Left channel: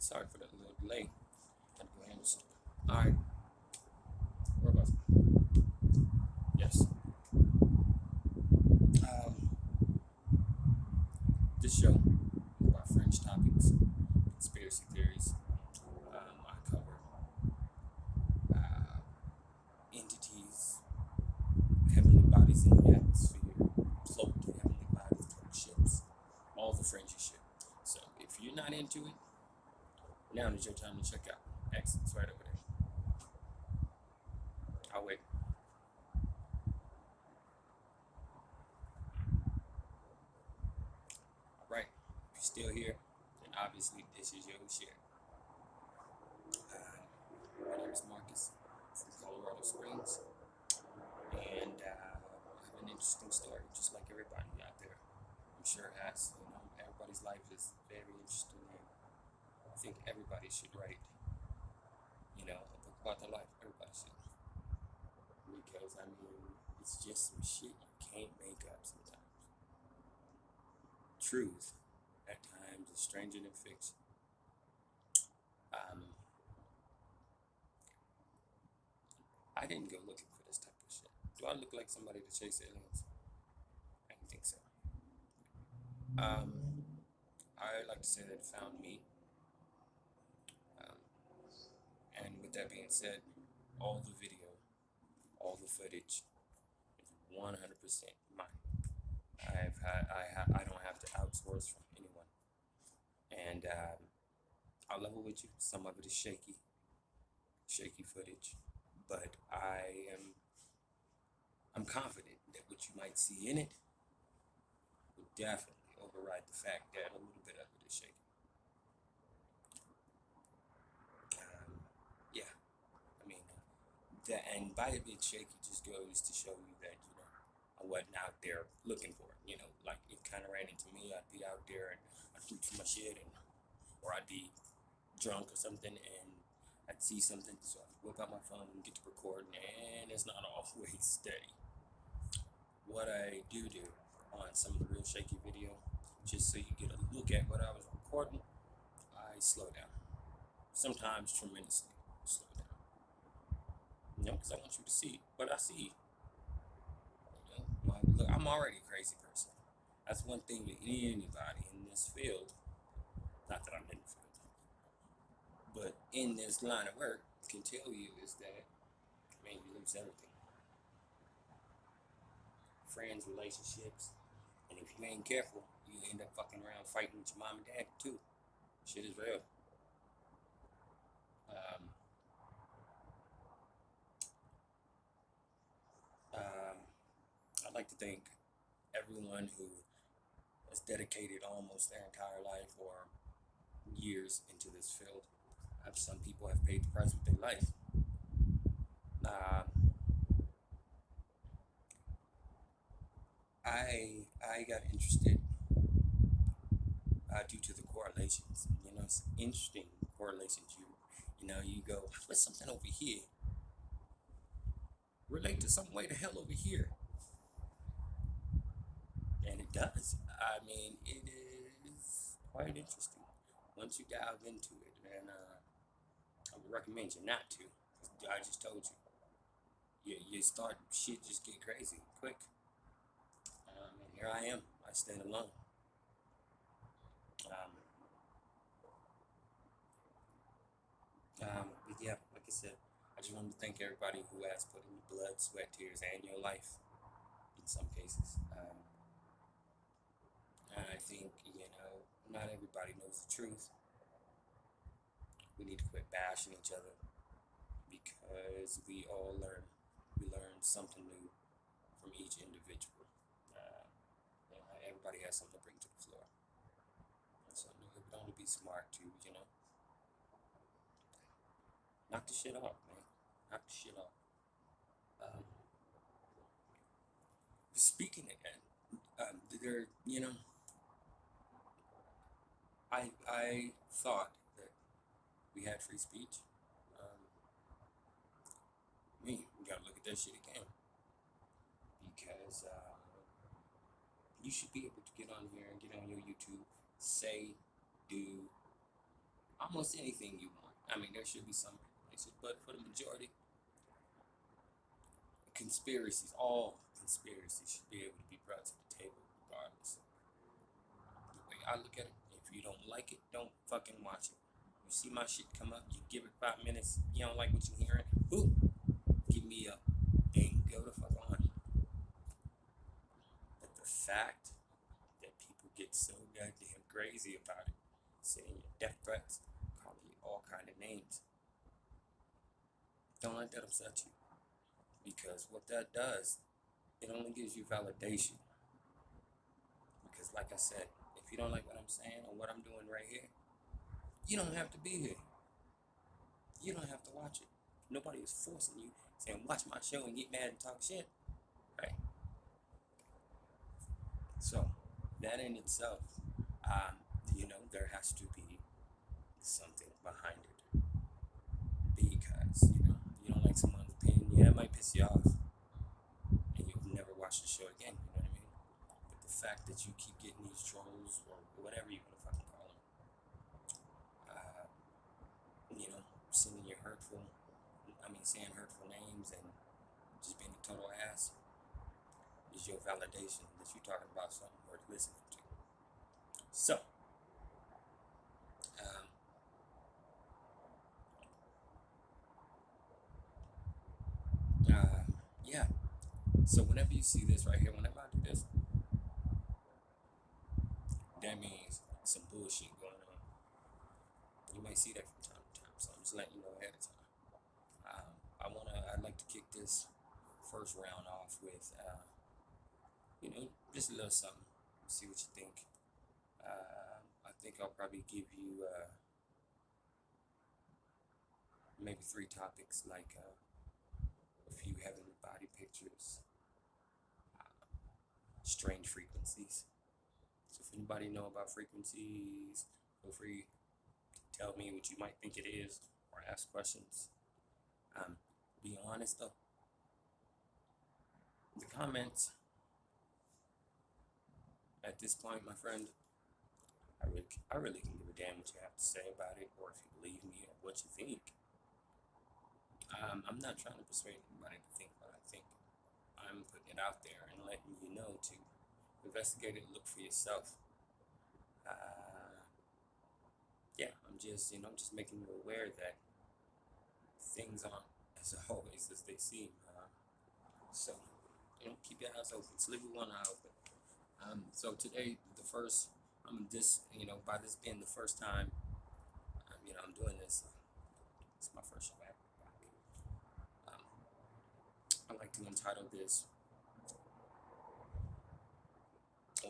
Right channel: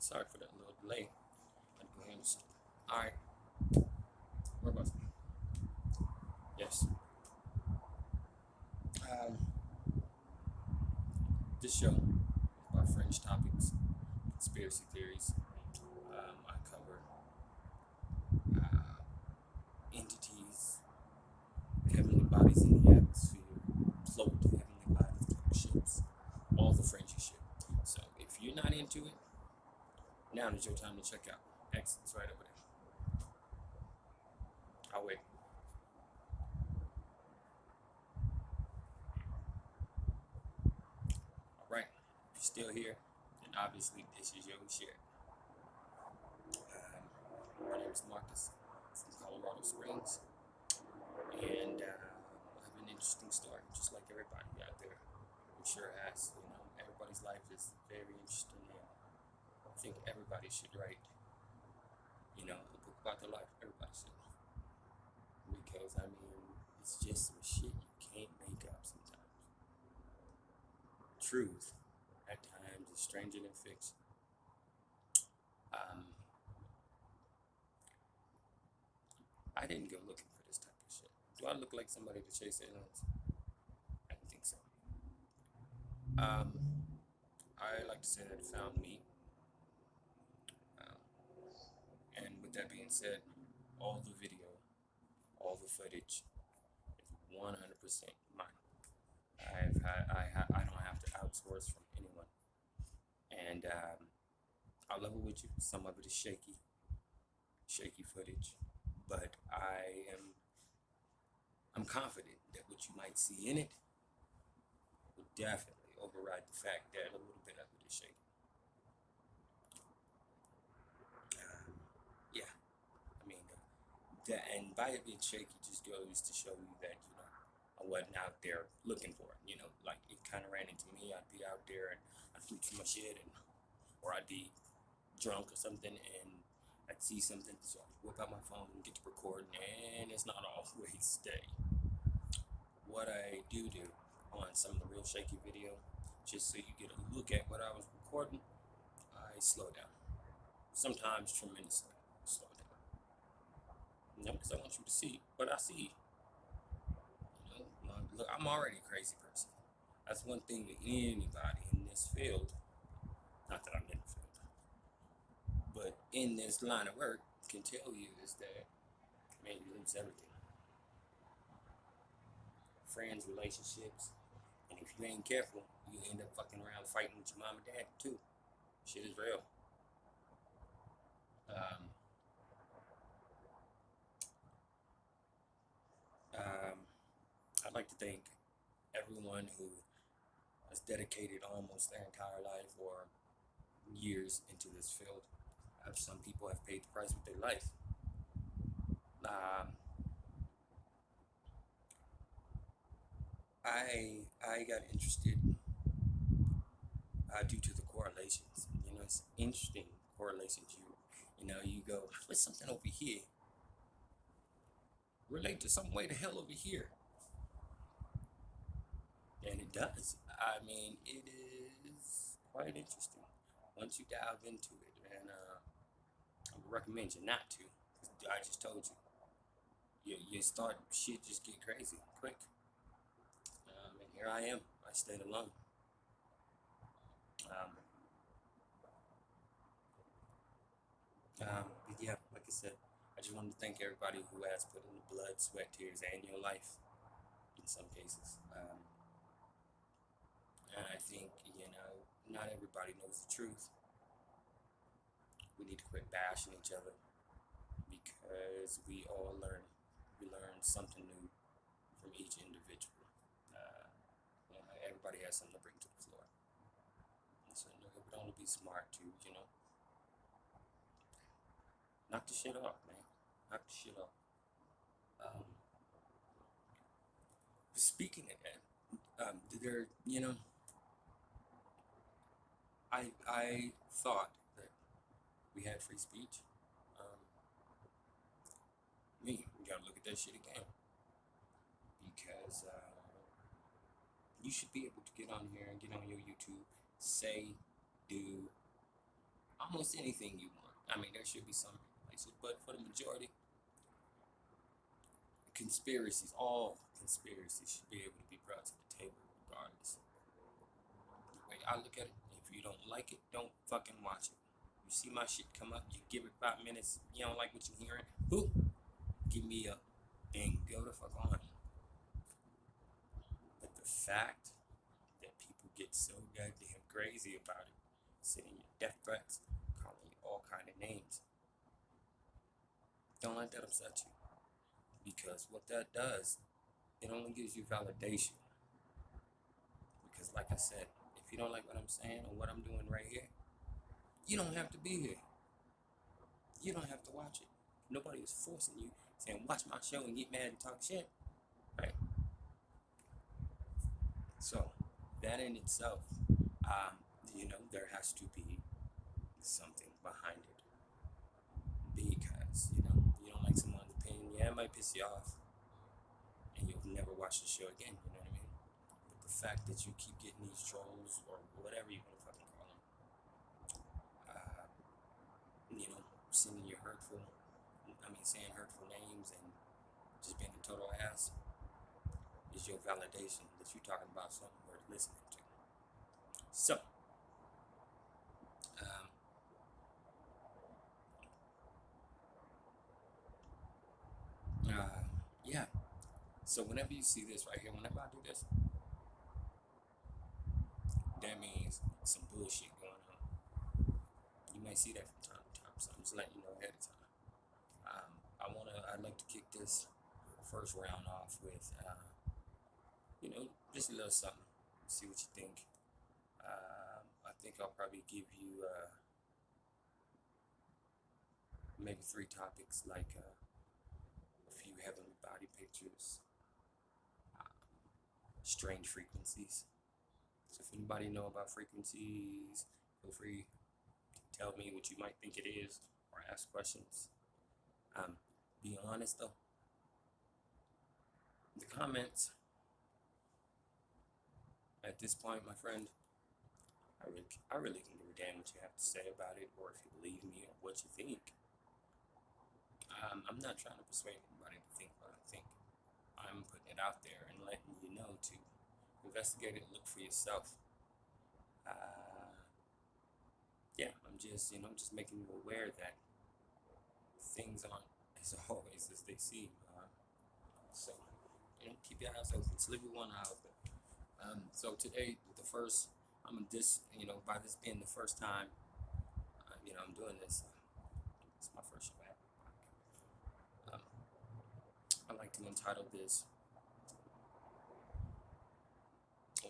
Alright, sorry for that little delay. Had to go handle something. Alright, where was I? Yes. Um, this show is about fringe topics, conspiracy theories. I cover uh, entities, heavenly bodies in the atmosphere, cloaked heavenly bodies, cloaked ships, all the fringy shit. So if you're not into it, now is your time to check out. Exit's right over there. I'll wait. Alright, if you're still here, then obviously this is your share. My name is Marcus from Colorado Springs, and I have an interesting story, just like everybody out there. I'm sure has. Everybody's life is very interesting, and I think everybody should write, a book about their life. Everybody should, because it's just some shit you can't make up sometimes. Truth, at times, is stranger than fiction. Um, I didn't go looking for this type of shit. Do I look like somebody to chase aliens? I don't think so. I like to say that it found me. Um, and with that being said, all the video, all the footage is 100% mine. I don't have to outsource from anyone. And I'll level with you. Some of it is shaky footage, but I'm confident that what you might see in it would definitely override the fact that a little bit of it is shaky. Yeah, I mean, that, and by it being shaky just goes to show you that I wasn't out there looking for it. Like it kind of ran into me. I'd be out there and I'd reach for my shit, or I'd be drunk or something, and I'd see something, so I'd whip out my phone and get to recording, and it's not always steady. What I do on some of the real shaky video, just so you get a look at what I was recording, I slow down. Sometimes tremendously slow down. Because I want you to see what I see. Look, I'm already a crazy person. That's one thing that anybody in this field, not that I'm in the field, but in this line of work can tell you is that, man, you lose everything. Friends, relationships, and if you ain't careful, you end up fucking around fighting with your mom and dad too. Shit is real. Um, I'd like to thank everyone who has dedicated almost their entire life or years into this field. Some people have paid the price with their life. I got interested due to the correlations. It's interesting correlations. You go, how does something over here relate to some way to hell over here? And it does. It is quite interesting once you dive into it. And I would recommend you not to. I just told you. You start, shit just get crazy quick. And here I am. I stayed alone. But yeah, like I said, I just wanted to thank everybody who has put in the blood, sweat, tears, and your life in some cases. And I think, not everybody knows the truth. We need to quit bashing each other because we all learn. We learn something new from each individual. Everybody has something to bring to the floor. And so it would only be smart to, knock the shit off, man. Knock the shit off. Speaking of that, I thought that we had free speech. We gotta look at that shit again, because you should be able to get on here and get on your YouTube, say, do. I almost anything you want. I mean, there should be some places, but for the majority, conspiracies, all conspiracies should be able to be brought to the table regardless. The way I look at it, if you don't like it, don't fucking watch it. You see my shit come up, you give it 5 minutes, you don't like what you're hearing, who? Give me up and go the fuck on. But the fact that people get so goddamn crazy about it, sending you death threats, calling you all kind of names, don't let that upset you. Because what that does, it only gives you validation. Because like I said, if you don't like what I'm saying or what I'm doing right here, you don't have to be here. You don't have to watch it. Nobody is forcing you, saying watch my show and get mad and talk shit. Right? So that in itself, there has to be something behind it. Because, you don't like someone's opinion, yeah, it might piss you off. And you'll never watch the show again, you know what I mean? But the fact that you keep getting these trolls or whatever you want to fucking call them, sending you saying hurtful names and just being a total ass is your validation that you're talking about something worth listening to. So, yeah. So whenever you see this right here, whenever I do this, that means some bullshit going on. You might see that from time to time, so I'm just letting you know ahead of time. I'd like to kick this first round off with, just a little something. See what you think. I think I'll probably give you maybe 3 topics, like a few heavenly body pictures, strange frequencies. So if anybody know about frequencies, feel free to tell me what you might think it is or ask questions. Be honest though. The comments at this point, my friend, I really can give a damn what you have to say about it, or if you believe me or what you think. I'm not trying to persuade anybody to think what I think. I'm putting it out there and letting you know to investigate it, look for yourself. I'm just making you aware that things aren't as always as they seem. So, keep your eyes open. Sleep with one eye open. So today, by this being the first time, I'm doing this. It's my first show ever. I like to entitle this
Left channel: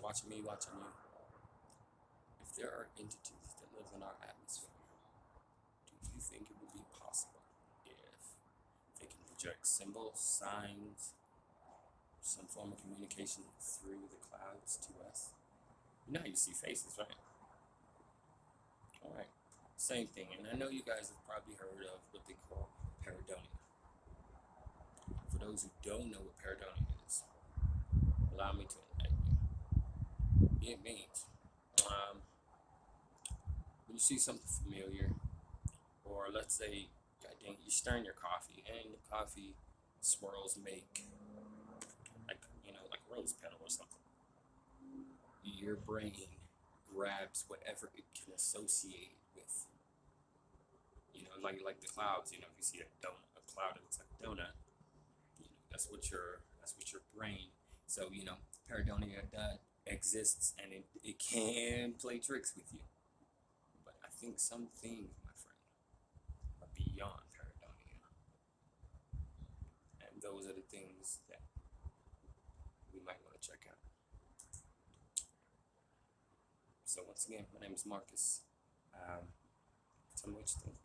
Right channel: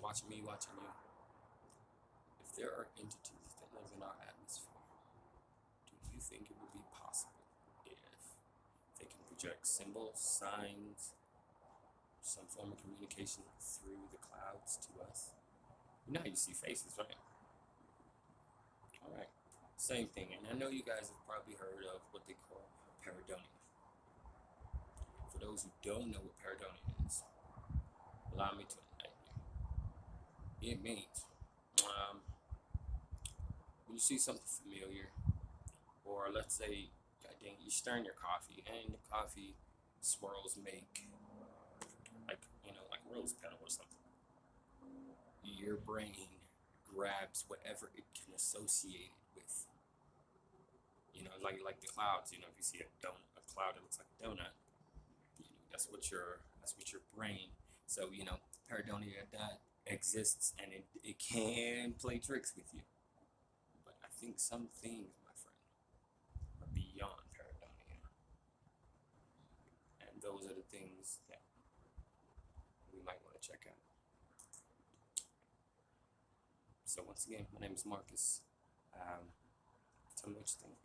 "Watching Me, Watching You." If there are entities that live in our atmosphere, do you think it would be possible if they can project symbols, signs, some form of communication through the clouds to us? You know how you see faces, right? All right. Same thing. And I know you guys have probably heard of what they call pareidolia. For those who don't know what pareidolia is, allow me to enlighten you. It means when you see something familiar, or let's say, God dang, you're stirring your coffee and the coffee swirls make like rose petal or something. Your brain grabs whatever it can associate it with. Like the clouds. If you see a cloud that looks like a donut, that's what your brain. So pareidolia that exists, and it can play tricks with you. But I think some things, my friend, are beyond pareidolia, and those are the things that we might want to check out. So once again, my name is Marcus. Tell me what you think.